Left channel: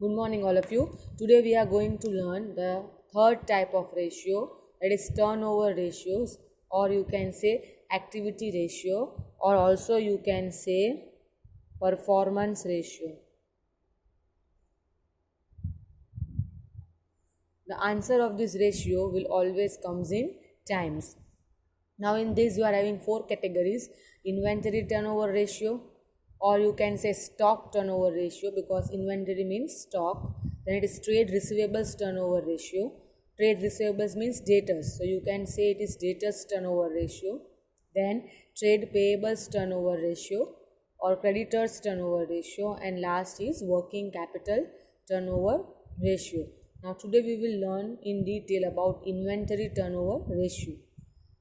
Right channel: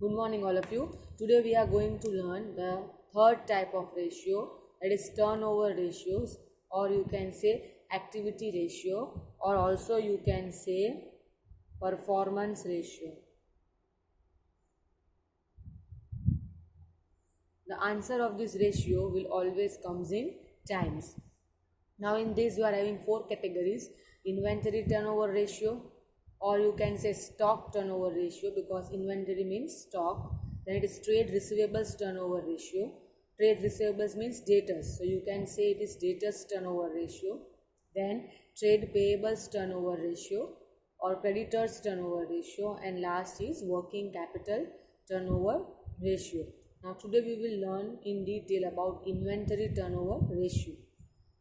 Good morning, all of you. Today we are going to learn the third type of ratio, that is turnover ratios, or you can say activity ratio, or also you can say performance ratio. The answer of this ratio will always comes in times. Now in this you are having four categories: inventory turnover ratio, or you can say stock turnover ratio because inventory means stock. Then it is trade receivables turnover ratio. Trade receivables means debtors, so you can say it is debtors turnover ratio. Then trade payables turnover ratio or creditors turnover ratio, and last is working capital turnover ratio. Now today we will learn in detail about inventory turnover ratio.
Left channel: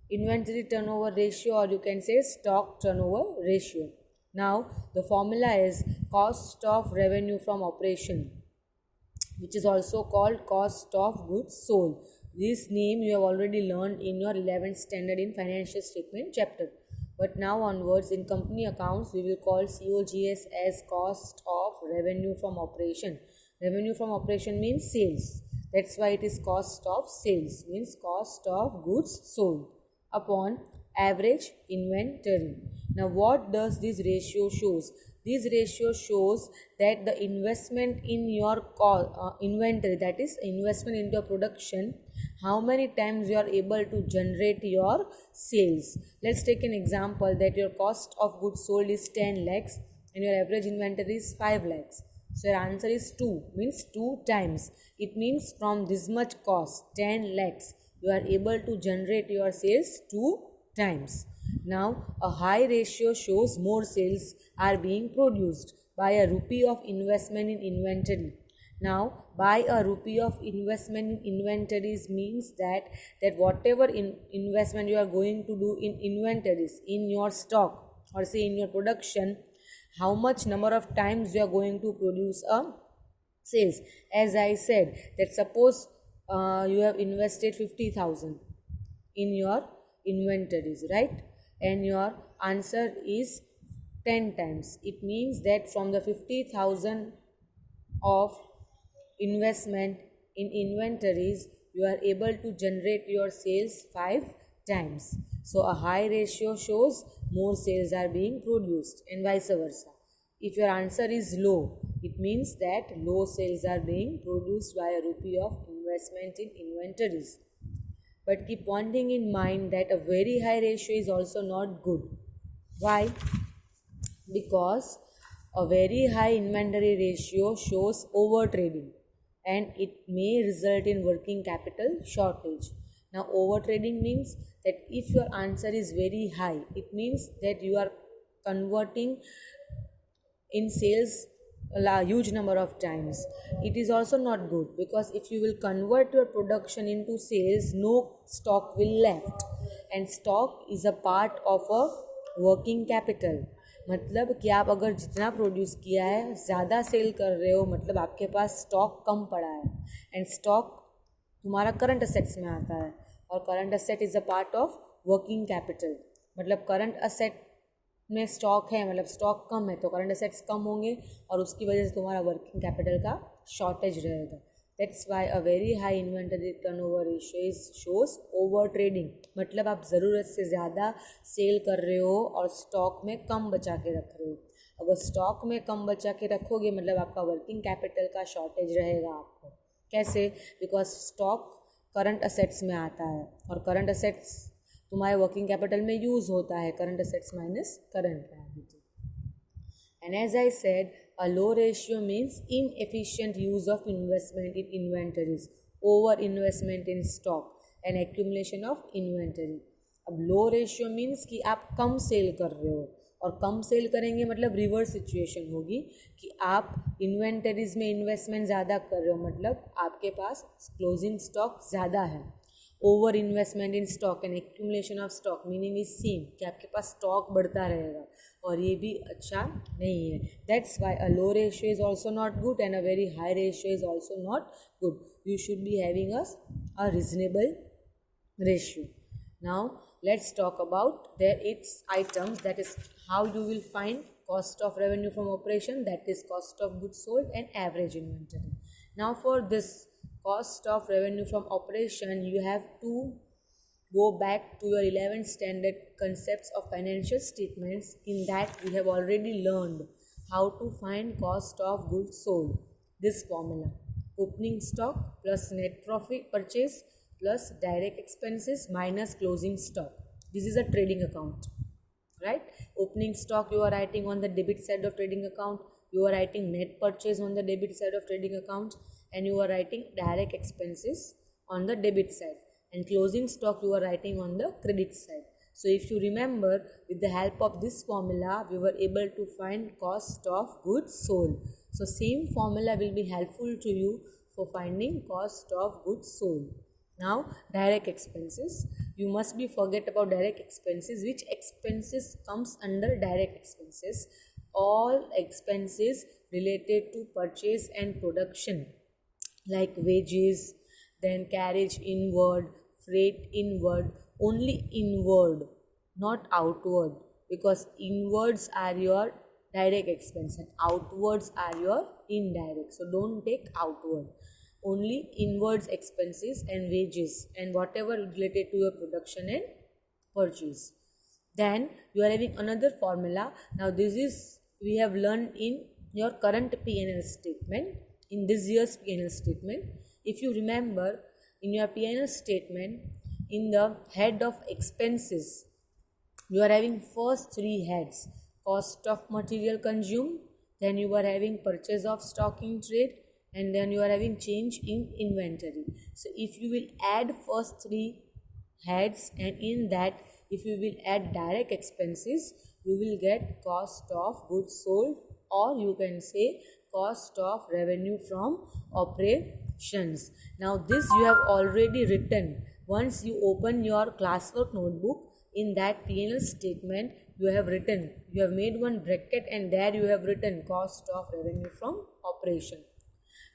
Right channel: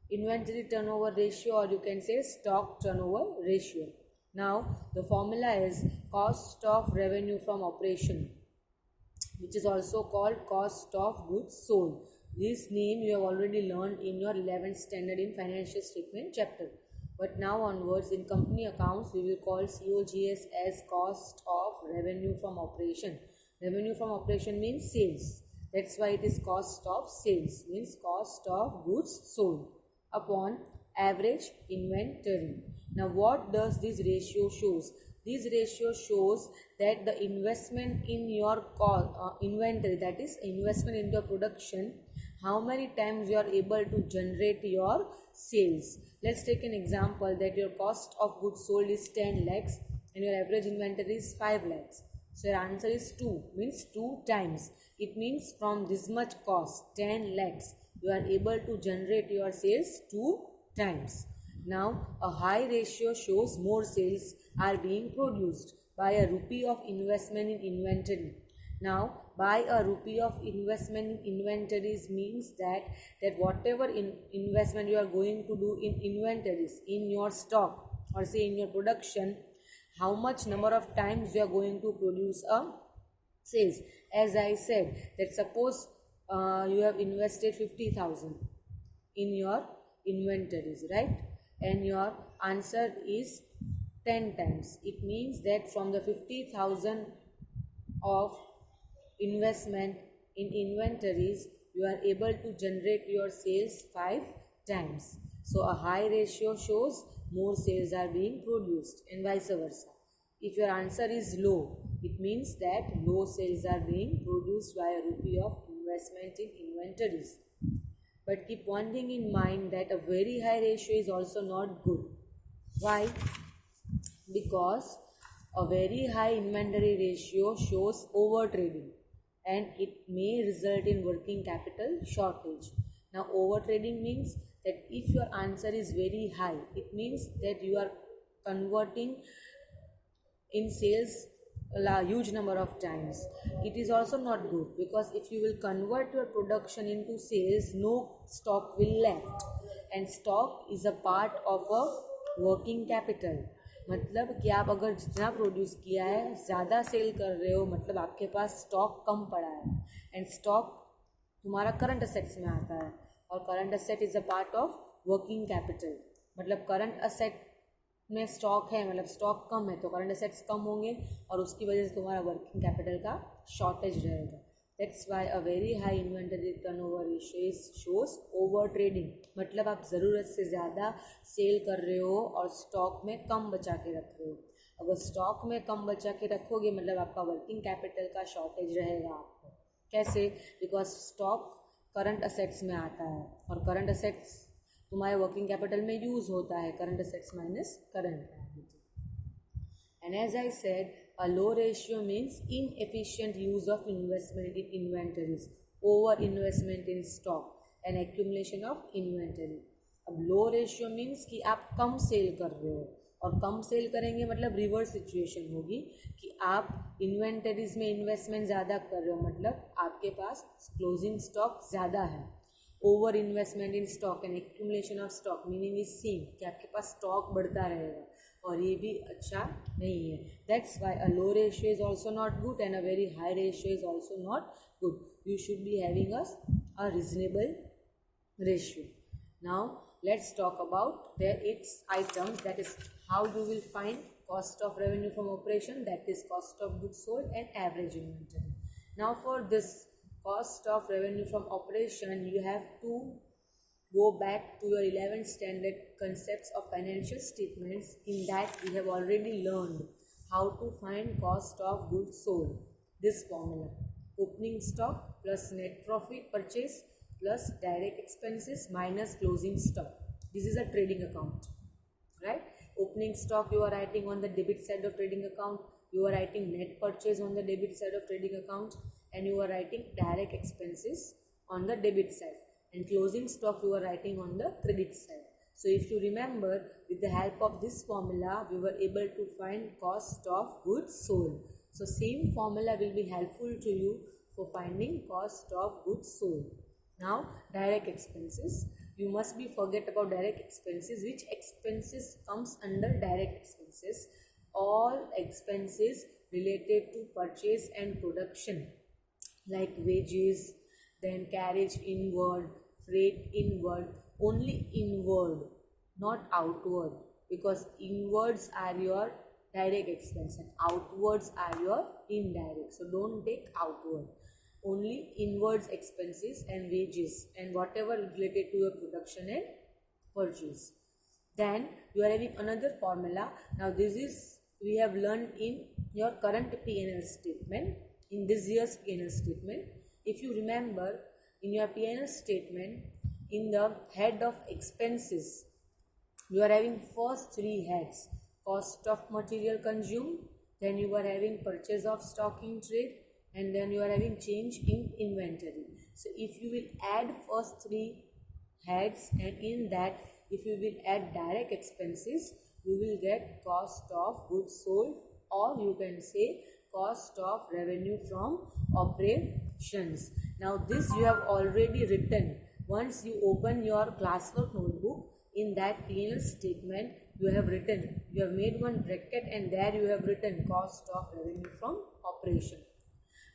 Inventory turnover ratio, or you can say stock turnover ratio. Now the formula is cost of revenue from operation, which is also called cost of goods sold. This name you have already learned in your 11th standard in financial statement chapter. But now onwards in company accounts we will call COGS as cost of revenue from operation. Revenue from operation means sales. That's why it is cost of sales, means cost of goods sold upon average inventory. Now what does this ratio shows? This ratio shows that the investment in your inventory, that is investment into production, how many times you are able to generate your sales. Let's take an example that your cost of goods sold is 10 lakhs and your average inventory is 5 lakhs. So your answer is 2, means 2 times. It means from this much cost, 10 lakhs, you are able to generate your sales 2 times. Now a high ratio shows more sales are being produced by a rupee of investment in inventory. Now by a rupee of investment in inventories means that whatever investment you are going to do in inventories, in your stock or say in your production, how much number of times you are going to produce a sales. As I said that suppose you have invested 50,000 in your inventories, right? And your answer is 10 times. It means that from the 50,000 of investment in inventories, you are able to generate your sales 5 times. So a high ratio shows more sales are being produced and vice versa. If your answer is low, it means that low sales are being produced by a rupee of investment in inventories. But keep one thing in mind that a very high ratio is also not good. Why? Because a very high inventory ratio shows over trading and it may result in working capital shortage. Now over trading means that if your answer is very high, it means that you are converting in sales a huge number of times. It is also not good because if you will convert your production into sales, no stock will left, and stock is a part of a working capital. मतलब कि आप अगर जितना produce किया है ज़्यादा cell कर रहे हो, मतलब आपके पास स्टॉक कम पड़ा है, एंड स्टॉक तुम्हारा करंट असेट्स में आता है, और current asset is a part of working capital. मतलब करंट असेट में स्टॉक है, मतलब स्टॉक कम है तो करंट असेट्स कम होंगे और उसकी वजह से तुम्हारा वर्किंग कैपिटल का शॉर्टेज रहेगा. That's why a very high inventory turnover ratio shows over trading. मतलब आप ज़रूरत से ज़्यादा सेल कर रहे हो और स्टॉक में कम बचा के रख रहे हो. अगर स्टॉक में कम बचा के रखोगे मतलब आपका वर्किंग कैपिटल का शॉर्टेज रहेगा आपको. कैसे? बिकॉज स्टॉक करंट असेट्स में आता है और करंट असेट्स तुम्हारे वर्किंग कैपिटल में यूज होता है. Current assets minus current liability. And as I said, a low ratio means inefficient use of investment in inventories, over investment in stock and accumulation of inventory. अब लो ratio means कि आप कम cell कर रहे हो, और कम cell करेंगे मतलब reverse situation होगी कि आप इन्वेंटरीज में इन्वेस्टमेंट ज़्यादा कर रहे हो, मतलब आपके पास क्लोजिंग स्टॉक ज़्यादा है. Over investment in stock and accumulation of stock meaning is same कि आपके पास स्टॉक बढ़ता रहेगा, और ये भी अच्छा नहीं है. That's why a low ratio is also not good and a very high ratio is also not good. You should be having a reasonable ratio. Now let's talk about their its items, that is how you will find cost of revenue from operation, that is cost of goods sold, and average inventory. Now for this cost of revenue from operation, you have to go back to your 11th standard concepts of financial statements. In that we have already learned how to find cost of goods sold. This formula: opening stock plus net profit purchase plus direct expenses minus closing stock. This is a trading account, right? Opening stock you are writing on the debit side of trading account, you are writing net purchase on the debit side of trading account, and you are writing direct expenses on the debit side, and closing stock you are writing on the credit side. So if you remember, with the help of this formula we were able to find cost of goods sold. So same formula will be helpful to you for finding cost of goods sold. Now direct expenses, you must be forget about direct expenses. Which expenses comes under direct expenses? All expenses related to purchase and production, like wages, then carriage inward, freight inward, only inward, not outward, because inwards are your direct expense and outwards are your indirect. So don't take outward, only inwards expenses and wages and whatever related to your production and purchase. Then you are having another formula. Now this is we have learned in your current P&L statement, in this year's P&L statement. If you remember, in your P&L statement, in the head of expenses, you are having first three heads: cost of material consumed, then you are having purchase of stock in trade, and then you are having change in inventory. So if you will add first three heads, and in that if you will add direct expenses, you will get cost of goods sold, or you can say cost of revenue from operations. Now this you have already written. Once you open your classwork notebook, in that P&L statement you have written, you have made one bracket and there you have written cost of revenue from operation.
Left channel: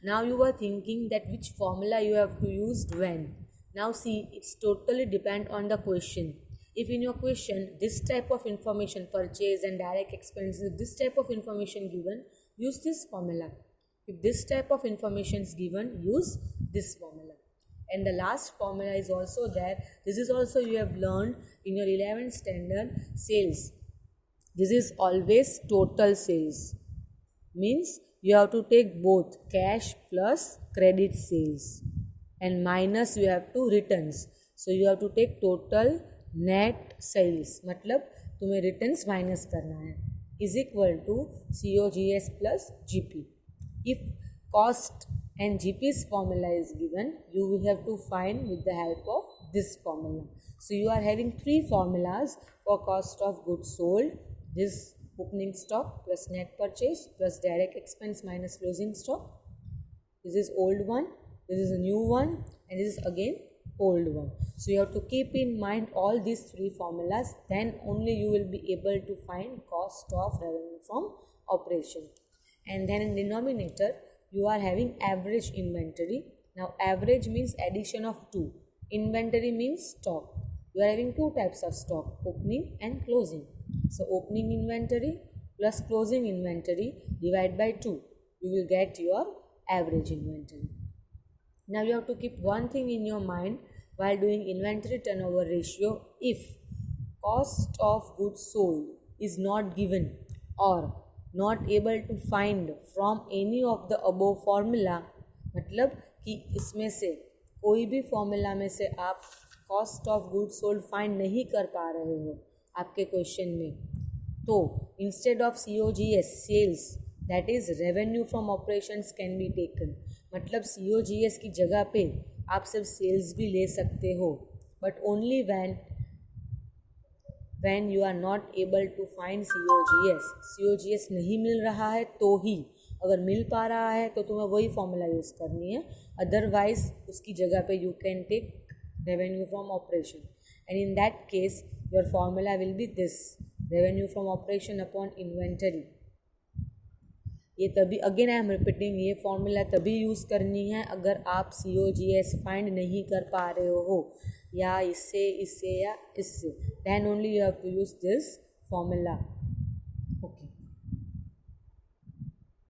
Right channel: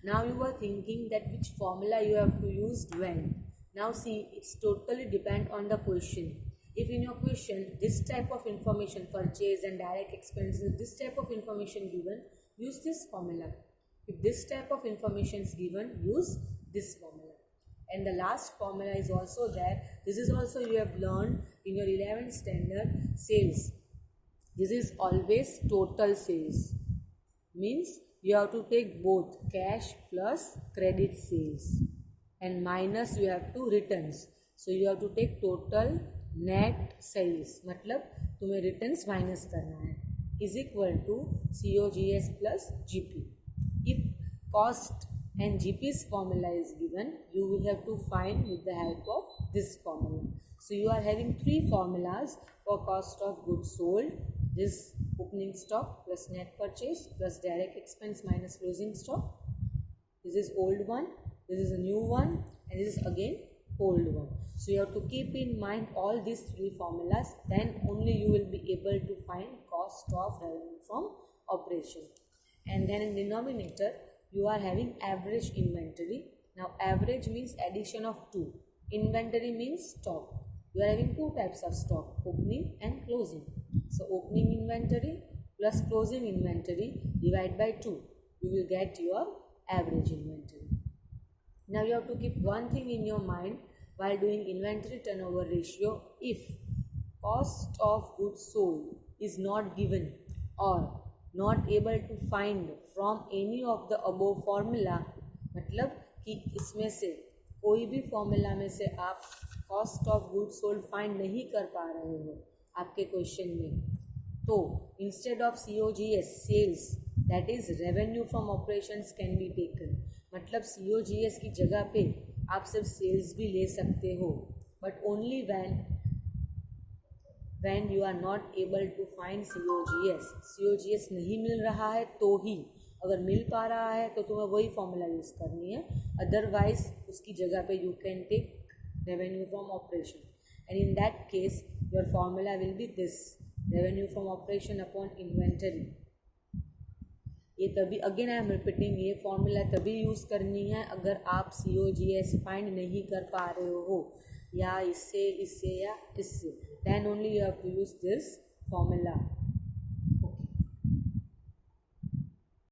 Now you are thinking that which formula you have to use when. Now see, it's totally depend on the question. If in your question this type of information, purchase and direct expenses, this type of information given, use this formula. If this type of information is given, use this formula. And the last formula is also there. This is also you have learned in your 11th standard, sales. This is always total sales. Means you have to take both cash plus credit sales, and minus you have to returns. So you have to take total net sales, मतलब तुम्हें returns minus करना है, is equal to COGS plus GP. If cost and GP's formula is given, you will have to find with the help of this formula. So you are having three formulas for cost of goods sold. This opening stock plus net purchase plus direct expense minus closing stock. This is old one, this is a new one, and this is again old one. So you have to keep in mind all these three formulas, then only you will be able to find cost of revenue from operation. And then in denominator you are having average inventory. Now average means addition of two. Inventory means stock. You are having two types of stock, opening and closing. So opening inventory plus closing inventory divide by 2. You will get your average inventory. Now you have to keep one thing in your mind while doing inventory turnover ratio. If cost of goods sold is not given or not able to find from any of the above formula, मतलब कि इसमें से कोई भी formula में से आप cost of good sold find नहीं कर पा रहे हो आपके क्वेश्चन में, तो instead of COGS sales, that is revenue from operations can be taken. मतलब COGS की जगह पे आप सिर्फ सेल्स भी ले सकते हो, but only when you are not able to find COGS नहीं मिल रहा है तो ही. अगर मिल पा रहा है तो तुम्हें वही फॉर्मूला यूज़ करनी है, अदरवाइज उसकी जगह पे you can take revenue from operation, and in that case your formula will be this, revenue from operation upon inventory. ये तभी, अगेन आई एम रिपीटिंग, ये फॉर्मूला तभी यूज़ करनी है अगर आप COGS फाइंड नहीं कर पा रहे हो, या इससे या इससे, then only you have to use this formula.